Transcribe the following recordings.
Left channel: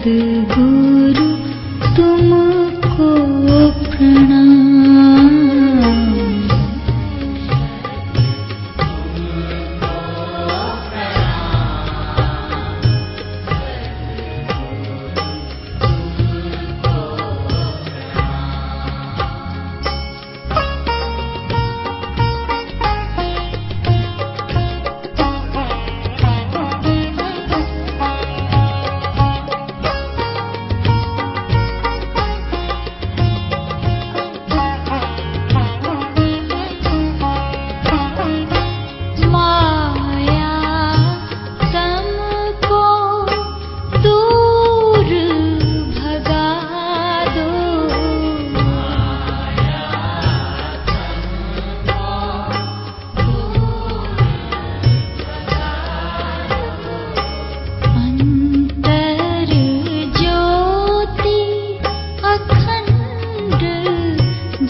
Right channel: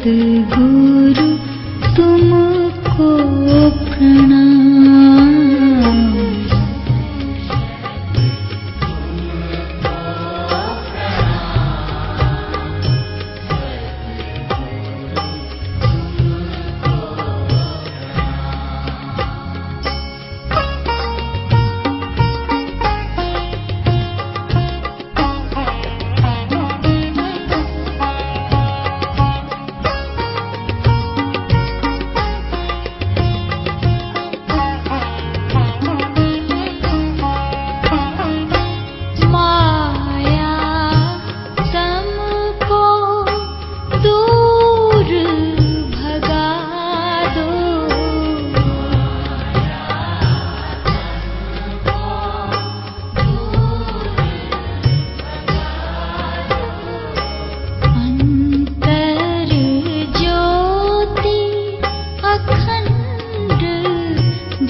सद्गुरु तुमको प्रणाम।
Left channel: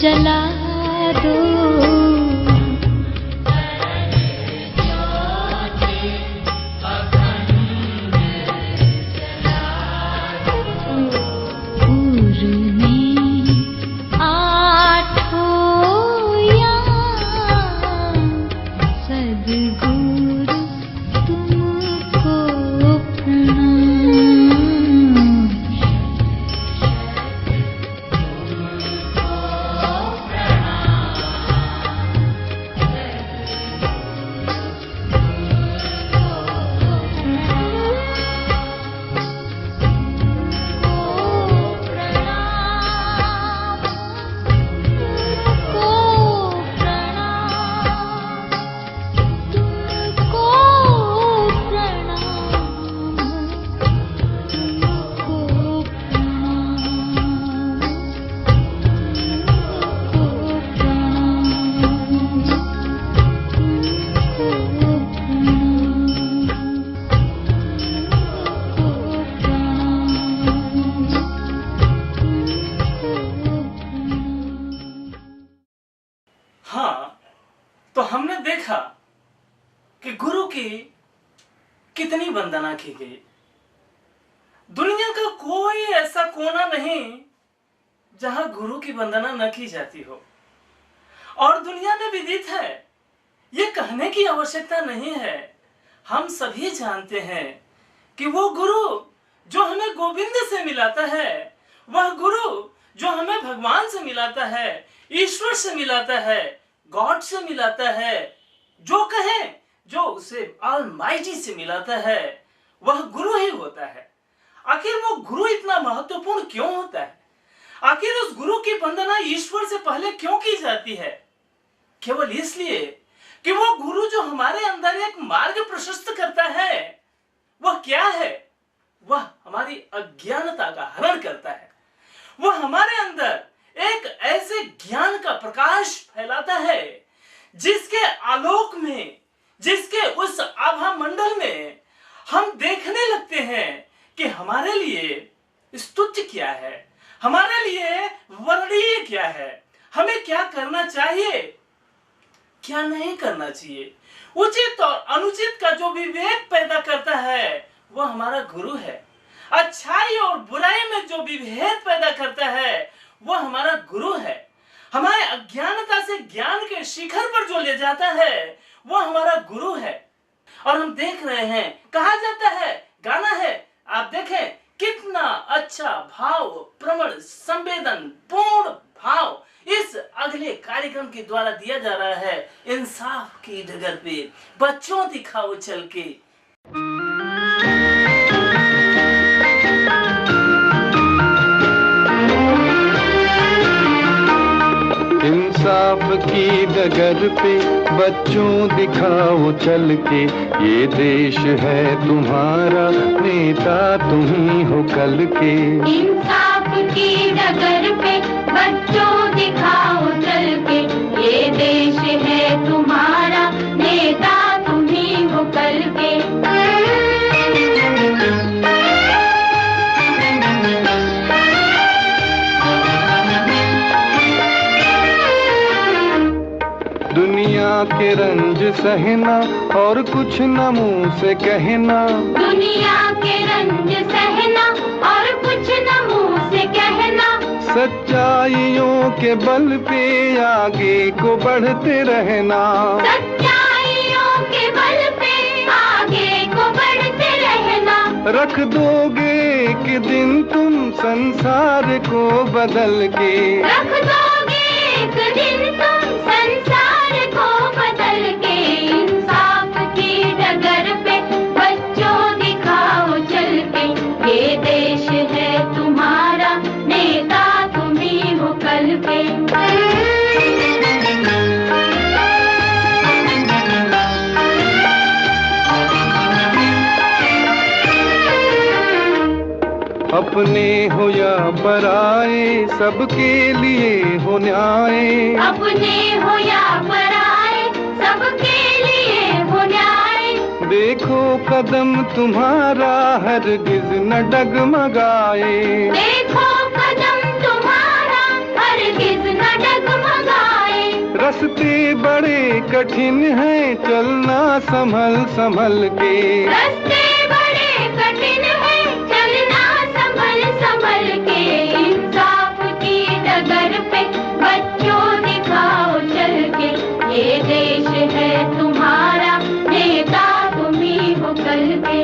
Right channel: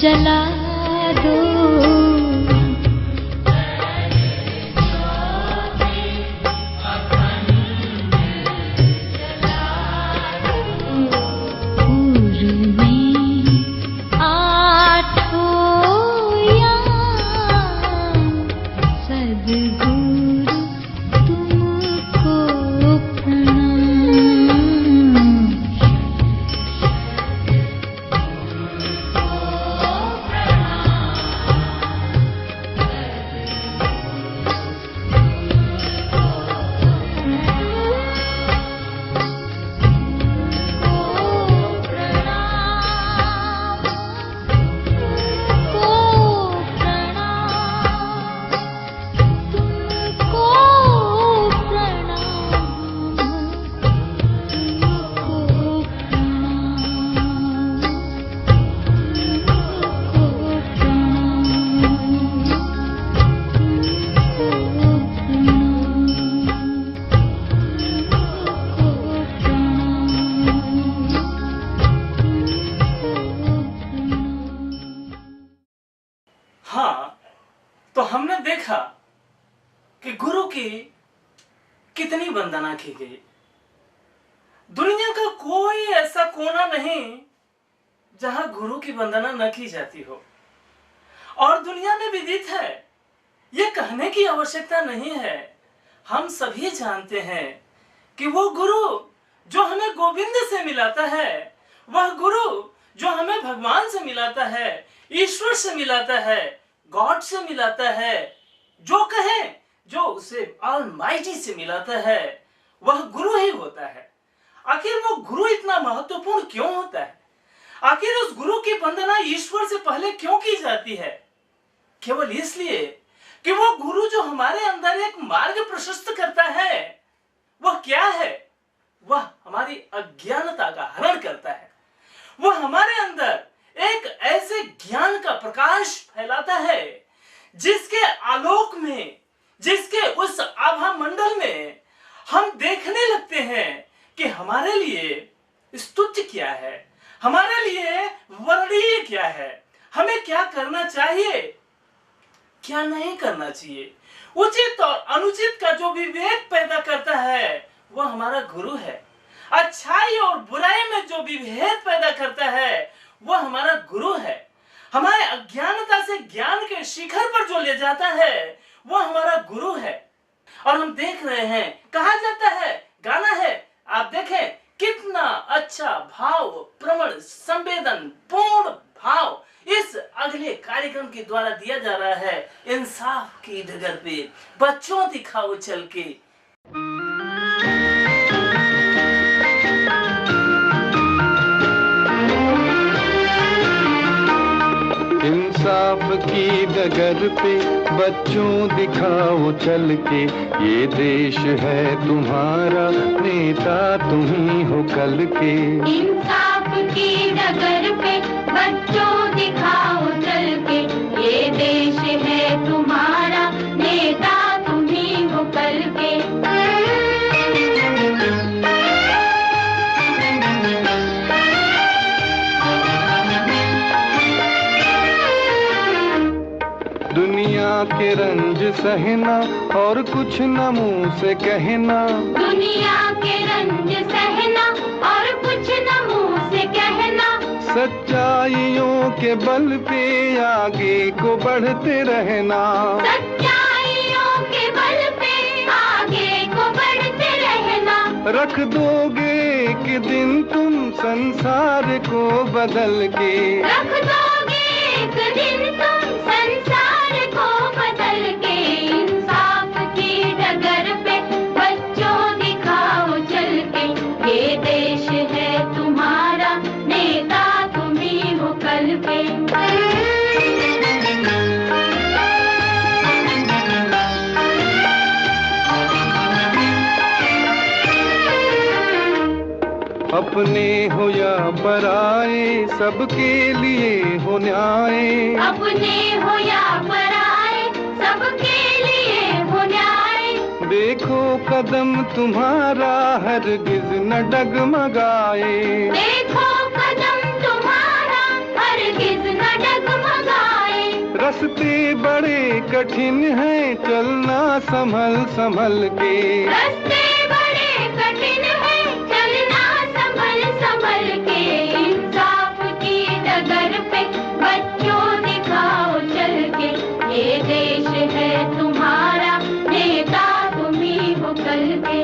जला दो पूर में आठों याम सद्गुरु तुमको प्रणाम। हाँ, तो हमने देखा कि गुरु की कितनी वंदना की गई। दुनिया का कोई ऐसा कोना नहीं जहां गुरु की वंदना न की जाती हो, और दुनिया में विदित है, ये कहने की आवश्यकता नहीं है। हम सभी जानते हैं कि वो गुरु जो हमें गोविंद से मिलाता है, वह गुरु जो हमें भगवान से मिलाता है, ईश्वर से मिलाता है, गॉड से मिलाता है, जो कहें जो उसे ऑलमाइटी से मिलाता है, वह गुरु ही होता है। आखिर वो गुरु इतना महत्वपूर्ण क्यों होता है? आखिर उस गुरु की वंदना ईश्वर से पहले क्यों की जाती है? केवल इसलिए कि वो गुरु जो हमारे अंदर एक मार्ग प्रशस्त करता है, वह क्या है? वह हमारी अज्ञानता का हरण करता है। वह हमारे अंदर एक ऐसे ज्ञान का प्रकाश फैलाता है जिसके आलोक में, जिसके उस आभा मंडल में हम देखने लगते हैं कि हमारे लिए स्तुत्य क्या है, हमारे लिए वर्णीय क्या है, हमें क्या करना चाहिए, क्या नहीं करना चाहिए। उचित और अनुचित का जो विवेक पैदा करता है वह हमारा गुरु है। अच्छाई और बुराई में जो विभेद पैदा करता है वह हमारा गुरु है। हमारे अज्ञानता से ज्ञान के शिखर पर जो ले जाता है वह हमारा गुरु है। और हम देख रहे हैं, कहा जाता है, गाना है, आप देखें कितना अच्छा भाव प्रवण संवेदन पूर्ण भाव इस अगले कार्यक्रम के द्वारा दिया जा रहा है। इंसाफ की डगर पे बच्चों दिखाओ चल के। इंसाफ की डगर पे बच्चों दिखाओ चल के, ये देश है तुम्हारा, नेता तुम ही हो कल के। इंसाफ की डगर पे बच्चों दिखाओ चल के, ये देश है तुम्हारा, नेता तुम ही हो कल के। दुनिया के रंज सहना और कुछ न मुंह से कहना, दुनिया के रंज सहना और सच्चाइयों के बल पे आगे को बढ़ते रहना, सच्चाइयों के बल पे आगे को बढ़ते रहना। रख दोगे एक दिन तुम संसार को बदल के, रख दोगे एक दिन तुम संसार को बदल के। इंसाफ की डगर पे बच्चों दिखाओ चल के, ये देश है तुम्हारा, नेता तुम ही हो कल के। अपने हो या पराए सबके लिए हो न्याय, अपने हो या पराए सबके लिए हो न्याय। देखो कदम तुम्हारा हरगिज न डगमगाए, देखो कदम तुम्हारा हरगिज न डगमगाए। रास्ते बड़े कठिन हैं चलना संभल संभल के, रास्ते बड़े कठिन हैं चलना संभल संभल के। इंसाफ की डगर पे बच्चों दिखाओ चल के, ये देश है तुम्हारा, नेता तुम ही हो कल के।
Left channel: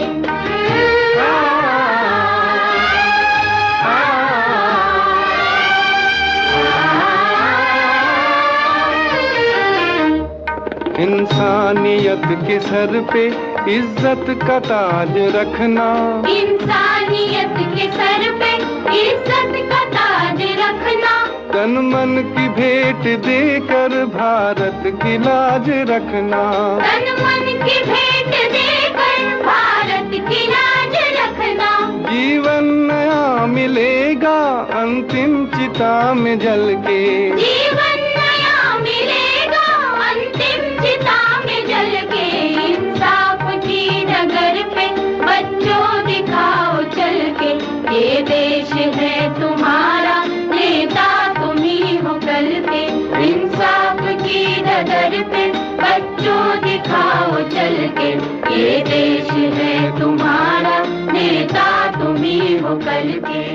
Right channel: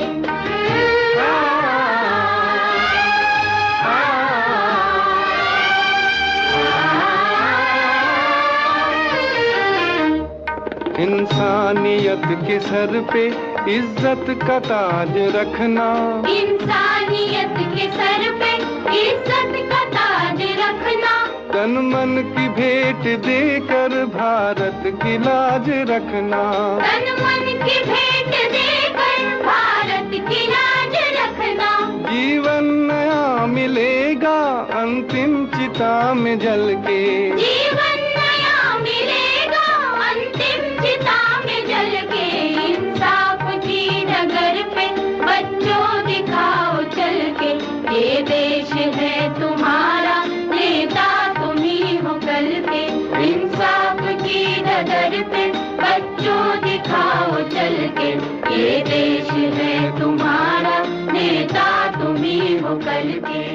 इंसानियत के सर पे इज्जत का ताज रखना, इंसानियत के सर पे इज्जत का ताज रखना। तन मन की भेंट देकर भारत की लाज रखना, तन मन की भेंट देकर भारत की लाज रखना। जीवन नया मिलेगा अंतिम चिता में जल के, जीवन नया मिलेगा अंतिम चिता में जल के। इंसाफ की डगर पे बच्चों दिखाओ चल के, ये देश है तुम्हारा, नेता तुम ही हो कल के। इंसाफ की डगर पे बच्चों दिखाओ चल के, ये देश है तुम्हारा, नेता तुम ही हो कल के।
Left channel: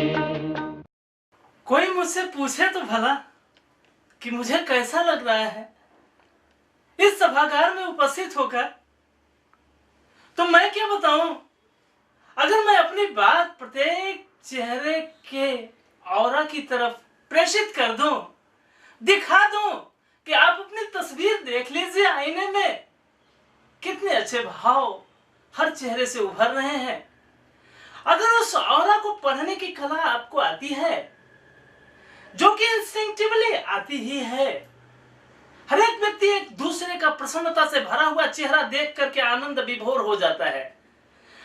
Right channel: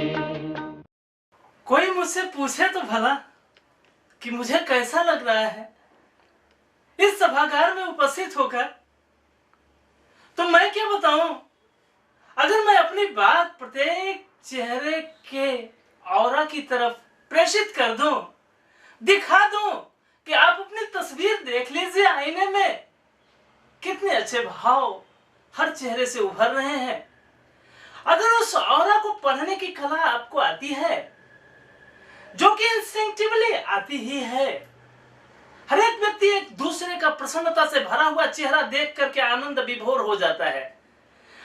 कोई मुझसे पूछे तो भला कि मुझे कैसा लग रहा है इस सभागार में उपस्थित होकर, तो मैं क्या बताऊं। अगर मैं अपनी बात प्रत्येक चेहरे के औरा की तरफ प्रेषित कर दूं, दिखा दूं कि आप अपनी तस्वीर देख लीजिए आईने में, कितने अच्छे भाव हर चेहरे से उभर रहे हैं। अगर उस औरा को पढ़ने की कला आपको आती है, जो कि इंस्टिंक्टिवली आती ही है, हर एक व्यक्ति एक दूसरे का प्रसन्नता से भरा हुआ चेहरा देख करके आनंद विभोर हो जाता है।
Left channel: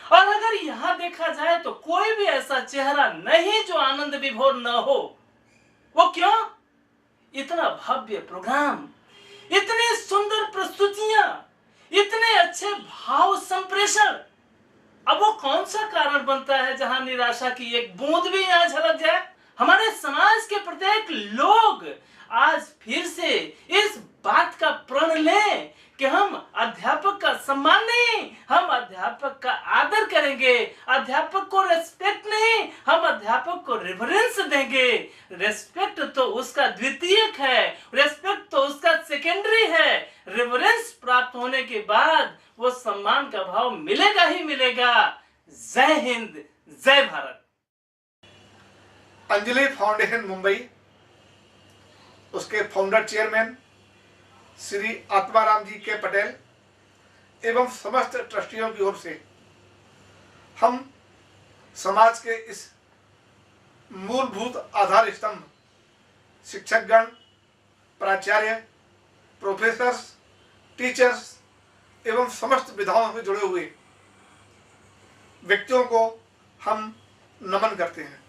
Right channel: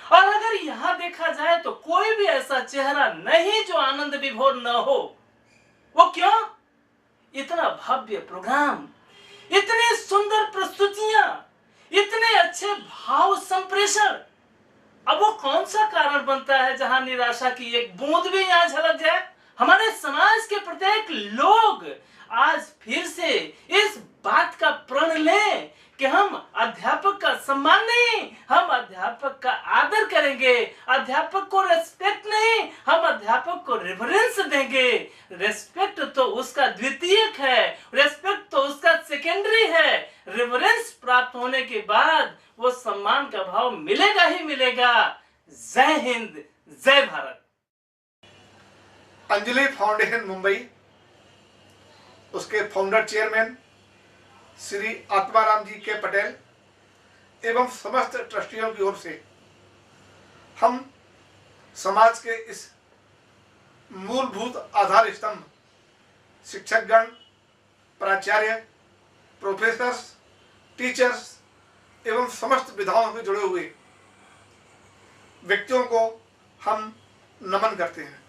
और अगर यहां देखा जाए तो कोई भी ऐसा चेहरा नहीं जो आनंद विभोर न हो। वो क्यों? इतना भव्य प्रोग्राम, इतनी सुंदर प्रस्तुतियां, इतने अच्छे भाव संप्रेषण। अब वो कौन सा कारण बनता है जहां निराशा की एक बूंद भी यहां झलक जाए? हमारे समाज के प्रत्येक लोग आज फिर से इस बात का प्रण लें कि हम अध्यापक का सम्मान नहीं, हम अध्यापक का आदर करेंगे। अध्यापक को रेस्पेक्ट नहीं, हम अध्यापक को रेफरेंस देंगे। रेस्पेक्ट तो उसका द्वितीयक है, रेस्पेक्ट तो उसका सेकेंडरी है। रेफरेंस प्राप्त होने के बाद वो सम्मान का भाव मिलेगा ही मिलेगा। जय हिंद, जय भारत। अंजलि फाउंडेशन मुंबई, उसके फाउंडर चेयरमैन श्री आत्माराम जी के पटेल एवं समस्त ट्रस्टियों की ओर से हम समाज के इस मूलभूत आधार स्तंभ शिक्षकगण, प्राचार्य, प्रोफेसर्स, टीचर्स एवं समस्त विधाओं से जुड़े हुए व्यक्तियों को हम नमन करते हैं।